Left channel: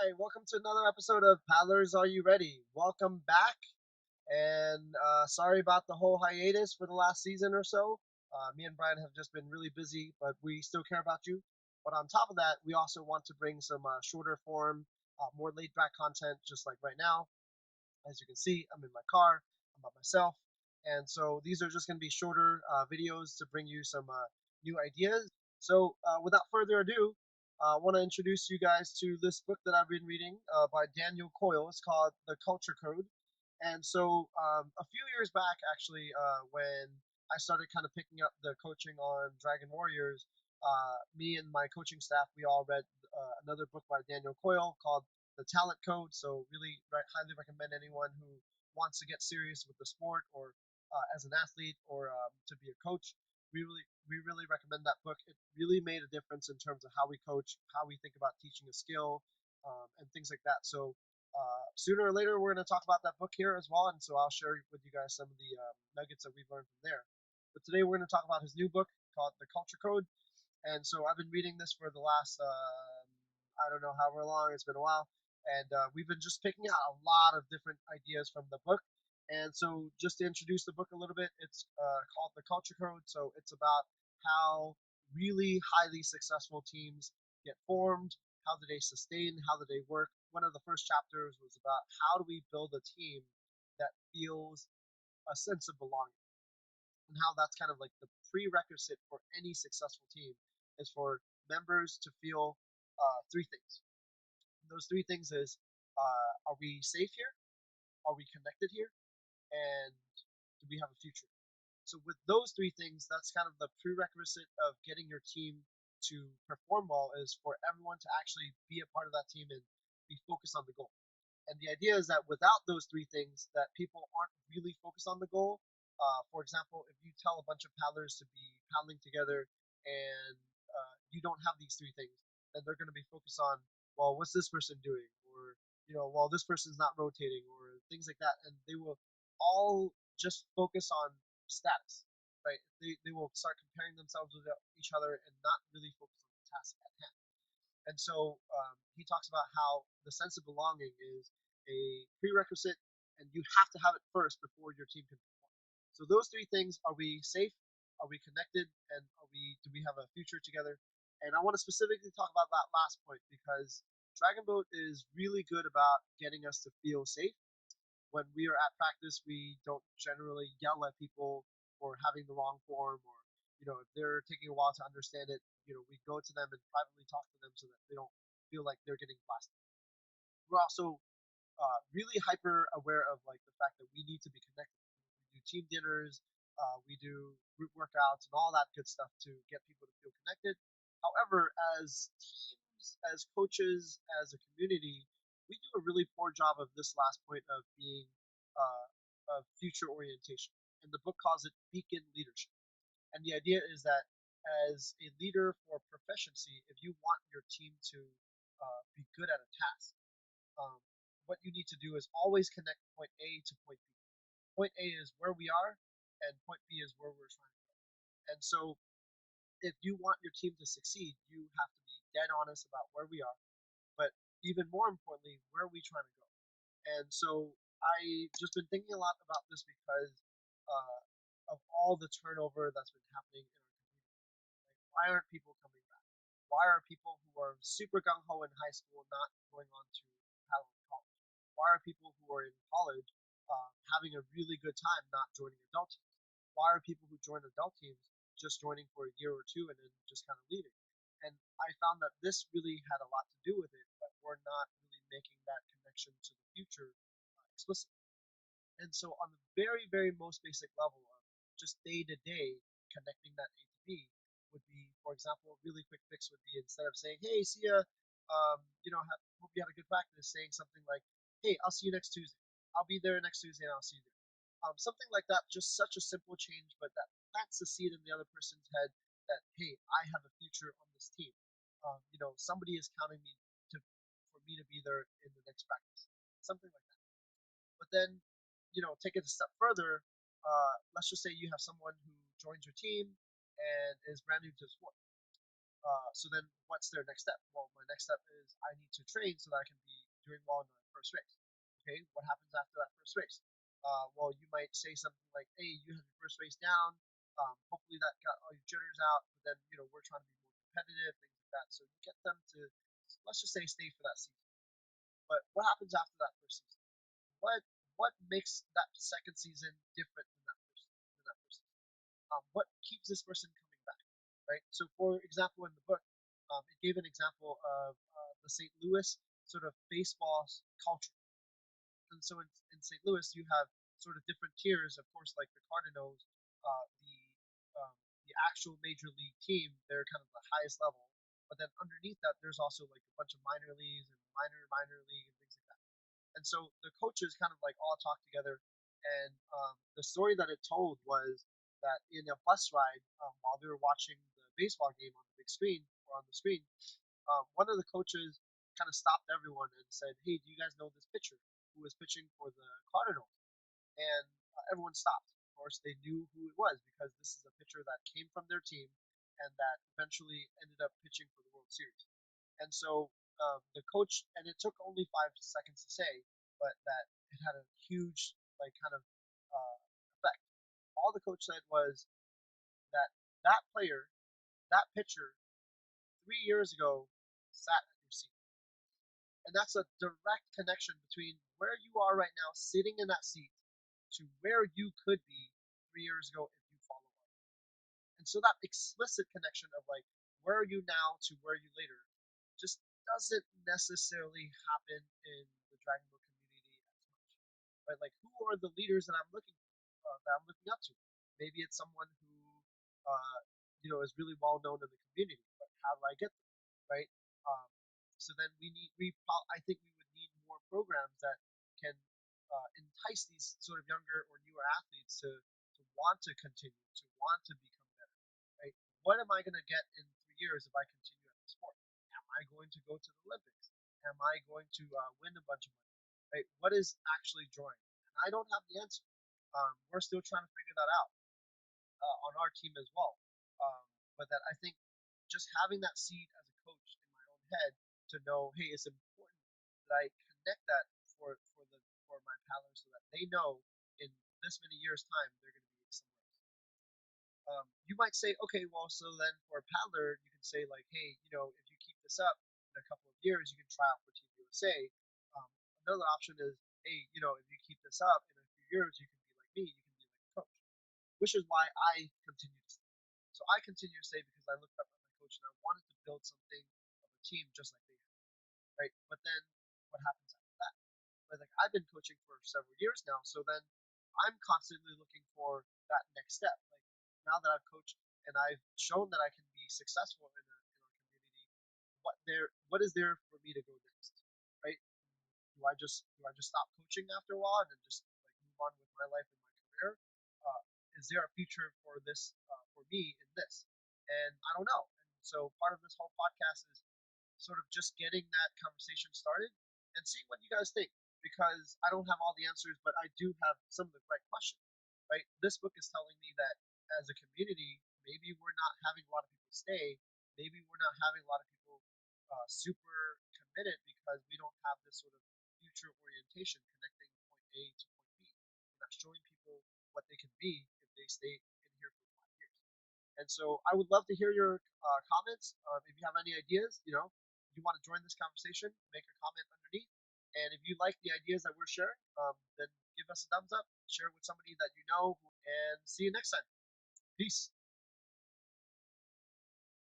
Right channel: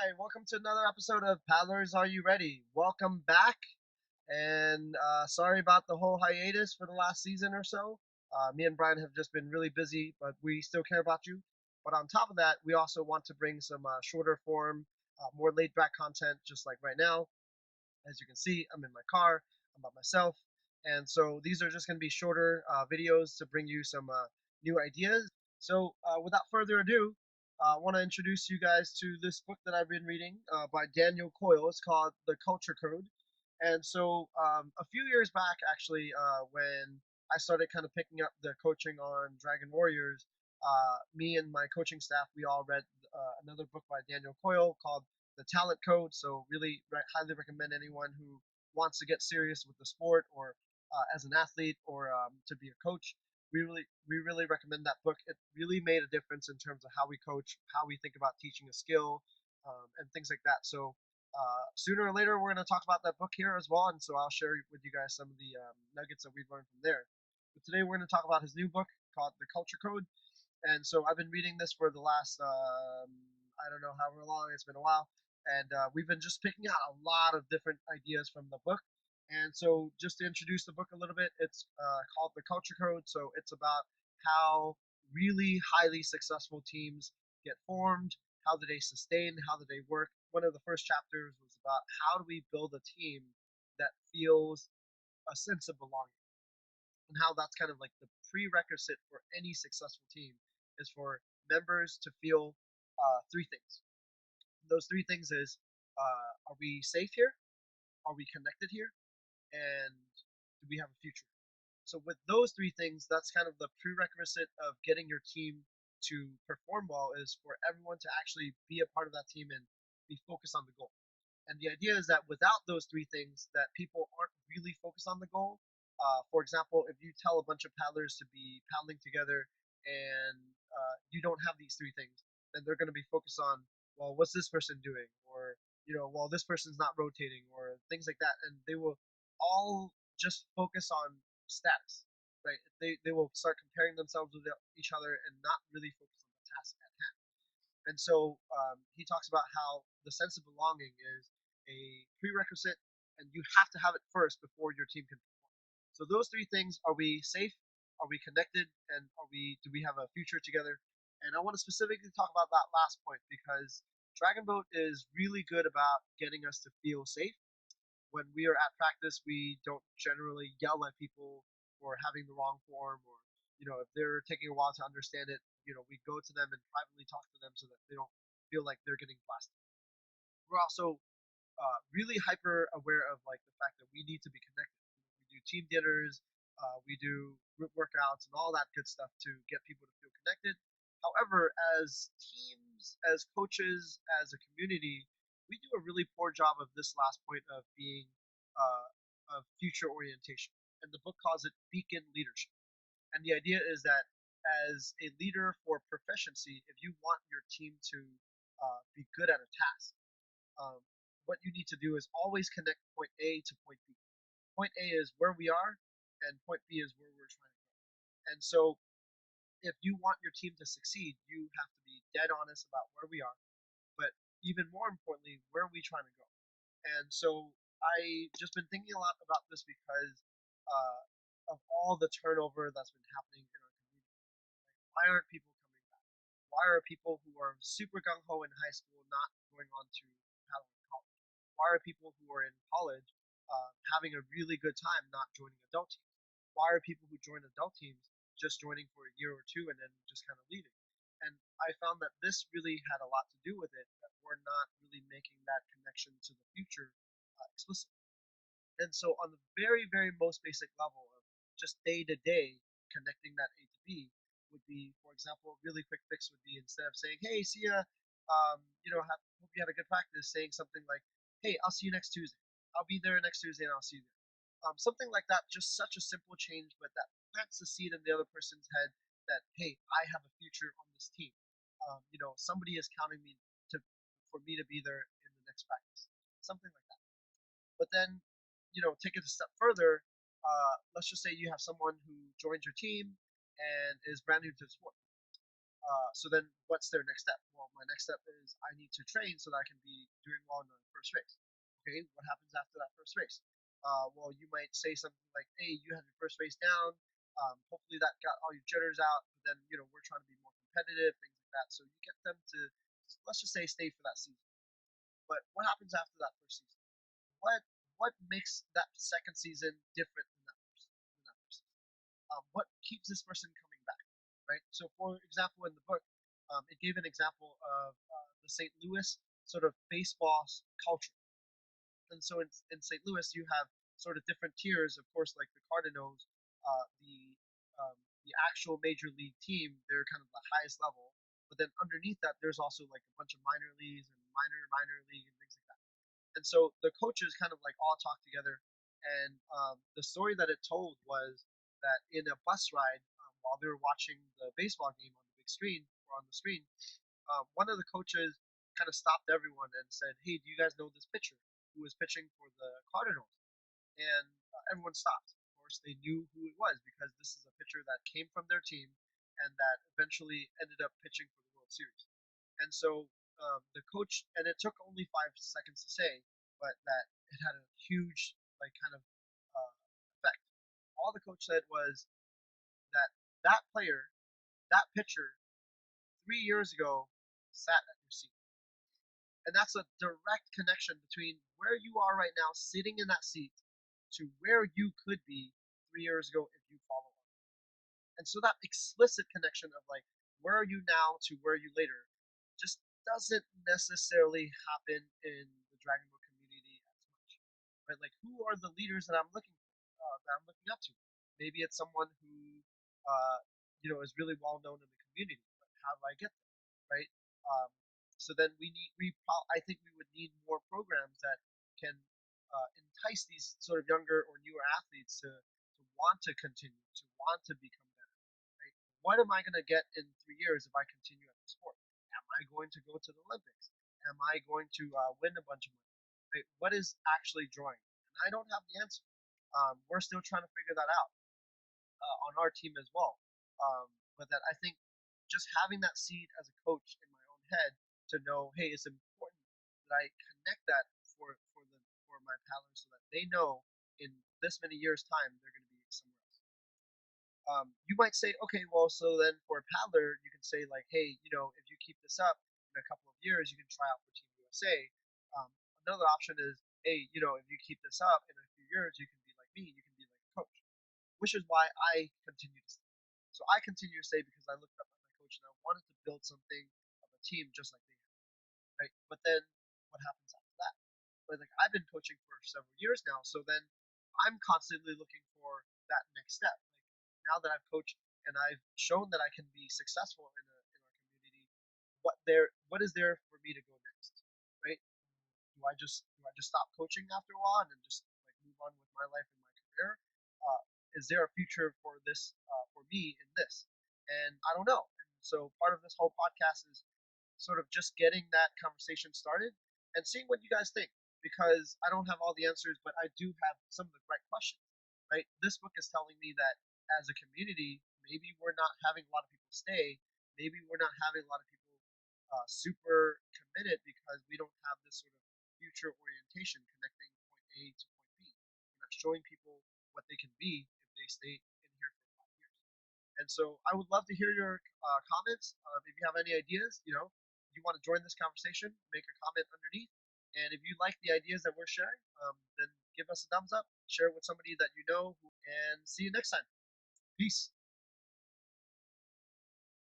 right, welcome to another episode of Paddlers. Are you ready? Welcome back, and sorry about the whole hiatus for the last season or so. Me and Brian have just been really busy, but we still care about you. But on top of that, we also want to bring some shorter form, more laid back content, just like right now. As you can see, I'm in my car, I'm by myself, and so these are just going to be shorter videos to bring you some new ideas. So, without further ado, I want to introduce you guys to this book that I've been reading by Daniel Coyle. It's called The Culture Code. And so, a few years back, actually, when I started kind of picking up the coaching on Dragon Warriors, me and my coaching staff, we all read another book by Daniel Coyle called The Talent Code. So, really highly recommend anyone who wants to get serious with the sport or as an athlete or to be a coach. We really recommend that book. It really made a difference in terms of how we coach, how we think about teaching a skill, and things like that. So sooner or later, we're going to talk about that book here as well, and so I'll share with you guys some of the nuggets that we've learned from there. But today, we're going to talk about his new book called The Culture Code. And so I've been reading this for the last I don't know however long. It's been a while, and we've been just picking out a lot of different ideas from the book. And so, just to introduce the book a little bit, it's called The Culture Code. So it's about how really highly successful teams get formed, how do they sustain, how do they work. One of the first chapters was about how do we build a team that feels a sense of belonging, and how that's kind of like the prerequisite for any successful team is for members to feel three things. Those three things is, are we safe here? Are we connected here? And do we have a future? So with those three things, that's kind of the prerequisite of getting your team to perform well, is for everyone to actually be a part of that team and be focused on the goal. And the idea is that without those three things, that people aren't really focused on the goal. For example, if you tell a bunch of paddlers to be paddling together and you don't have these three things, then they're going to be focused on, well, what's this person doing? Or, well, this person's not rotating or things like that. And they will all just focus on status, right? They will start comparing themselves with each other and not really focus on the task at hand. And so he talks about how the sense of belonging is a prerequisite, and you have to have it first before your team can perform. So those three things: are we safe? Are we connected? And do we have a future together? And I want to specifically talk about that last point because Dragon Boat is really good about getting us to feel safe. When we are at practice, we don't generally yell at people for having the wrong form, or if they're taking a while to understand it, we go to them and privately talk to them so that they don't feel like they're getting blasted. We're also really hyper aware of like the fact that we need to be connected. We do team dinners, we do group workouts, and all that good stuff to get people to feel connected. However, as teams, as coaches, as a community, we do a really poor job of this last point of being of future orientation. And the book calls it beacon leadership. And the idea is that as a leader for proficiency, if you want your team to be good at a task, um, what you need to do is always connect point A to point B. Point A is where we are, and point B is where we're trying to go. And so, if you want your team to succeed, you have to be dead honest about where we are, but even more importantly, where are we trying to go? And so, I just been thinking a lot about this because of all the turnover that's been happening in our community. Like, why aren't people coming back? Why are people who are super gung ho in high school not going on to paddle in college? Why are people who are in college having a really good time not joining adult teams? Why are people who join adult teams just joining for a year or two and then just kind of leaving? And I found that this really had a lot to do with it, but we're not really making that connection to the future explicit. And so, on the very, very most basic level of just day to day connecting that A to B would be, for example, a really quick fix would be, instead of saying, "Hey, see ya, hope you had a good practice," saying something like, "Hey, I'll see you next Tuesday. I'll be there next Tuesday, and I'll see you there." Something like that, just such a simple change, but that plants the seed in the other person's head that, hey, I have a future on this team. Somebody is counting me to for me to be there in the next practice. Something like that. But then, take it a step further. Let's just say you have someone who joins your team and is brand new to the sport. So then what's their next step? Well, my next step is I need to train so that I can be doing well in the first race. Okay, what happens after that first race? Well, you might say something like, "Hey, you had your first race down. Hopefully that got all your jitters out." But then we're trying to be more competitive, things like that. So you get them to, let's just say, stay for that season. But what happens after that first season? What makes that second season different than that first season? What keeps this person coming back, right? So, for example, in the book, it gave an example of the St. Louis sort of baseball culture. And so in St. Louis, you have sort of different tiers. Of course, like the Cardinals, the actual major league team, they're kind of the highest level. But then underneath that, there's also like a bunch of minor leagues and minor league and things like that. And so the coaches kind of like all talked together. And the story that it told was that in a bus ride, while they were watching the baseball game on the big screen or on the screen, one of the coaches kind of stopped everyone and said, "Hey, do you guys know this pitcher who was pitching for the Cardinals?" And everyone stopped. Of course, they knew who it was because this is a pitcher that came from their team and that eventually ended up pitching for the World Series. And so the coach, and it took only 5 seconds to say, but that it had a huge, like, kind of uh, effect. All the coach said was that that player, that pitcher, 3 years ago sat at your seat. And that's a direct connection between where you are right now, sitting in that seat, to where you could be 3 years ago if you follow up. And so that explicit connection of like where are you now to where are you later just doesn't necessarily happen in the Dragon Boat community as much, right? Like who are the leaders that I'm looking up to? Maybe it's someone who is really well known in the community, but how do I get there, right? Um, so then I think we would need more programs that can entice these sort of younger or newer athletes to want to continue, to want to become better, right? What am I going to get in 3 years if I continue at the sport? Am I going to go to the Olympics? Am I going to win a bunch of money? Right? What is actually drawing? And I don't have the answer. We're still trying to figure that out on our team as well. But that I think just having that seed as a coach in my own head to know, hey, it's important that I connect that for my paddlers so that they know in this many years time they're going to be somewhere else. You might say, okay, well, so then for a paddler, you can say like, hey, if you keep this up in a couple of years, you can try out for Team USA. Um, Another option is, hey, if you keep this up in a few years, you can be like me, you can be like a coach, which is why I continue to stay. So I continue to stay because I looked up at my coach and I wanted to build something of a team just like they have, right? But then what happens after that? But like I've been coaching for several years now, so then I'm constantly looking for that next step. Like now that I've coached and I've shown that I can be successful in our community, what is there for me to go next, right? Do I just stop coaching after a while and then just like move on with my life and my career? Is there a future for this for me in this? And I don't know. And so part of this whole podcast is sort of just getting that conversation started and seeing what you guys think. Because I don't have all the answers, but I do have some of the right questions. Right? This book is telling me that as a community, maybe we're not having a lot of people stay. Maybe we're not having a lot of people super committed because we don't have this sort of future orientation connecting point A to point B. We're not showing people what they can be if they stay in here for 5 years. And so I would love to hear your comments. If you have any ideas, you want to join this conversation, make a comment underneath. And if you like the ideas that we're sharing, then give us a thumbs up, share it with somebody that you know, and see you next time. Peace.